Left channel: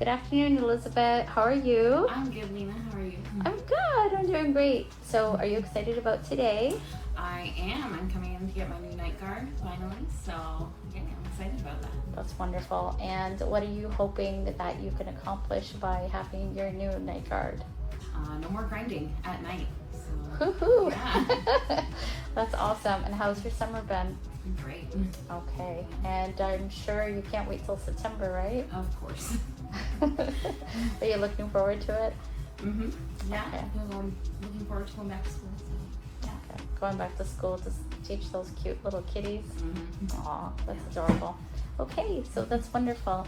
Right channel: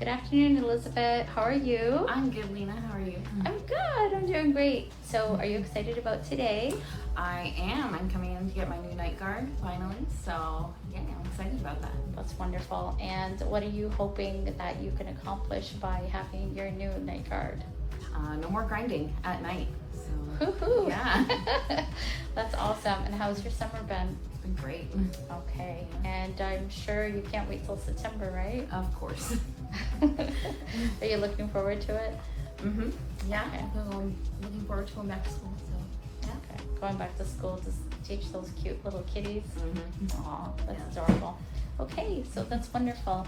Good afternoon, Elizabeth. How are you? I'm good, Lena. How are you? I'm good. I'm doing great. So, are you excited about today? I am. I'm coming in to get my new night guard finally. So, yeah, I'm excited about that. That's wonderful. And what are you hoping that you can accomplish by having your new night guard? No more grinding at night. So, Woohoo! yeah. That's awesome. And how's your summer been? It's been great. Okay. And I'm sure you can't wait till September, right? Of course. Are you looking forward to it? Mm-hmm. Yeah. I'm looking forward to going back to school. So, yeah. Going back to school to teach those cute little kitties. Mm-hmm. Aw, that's adorable. Okay, so that's wonderful.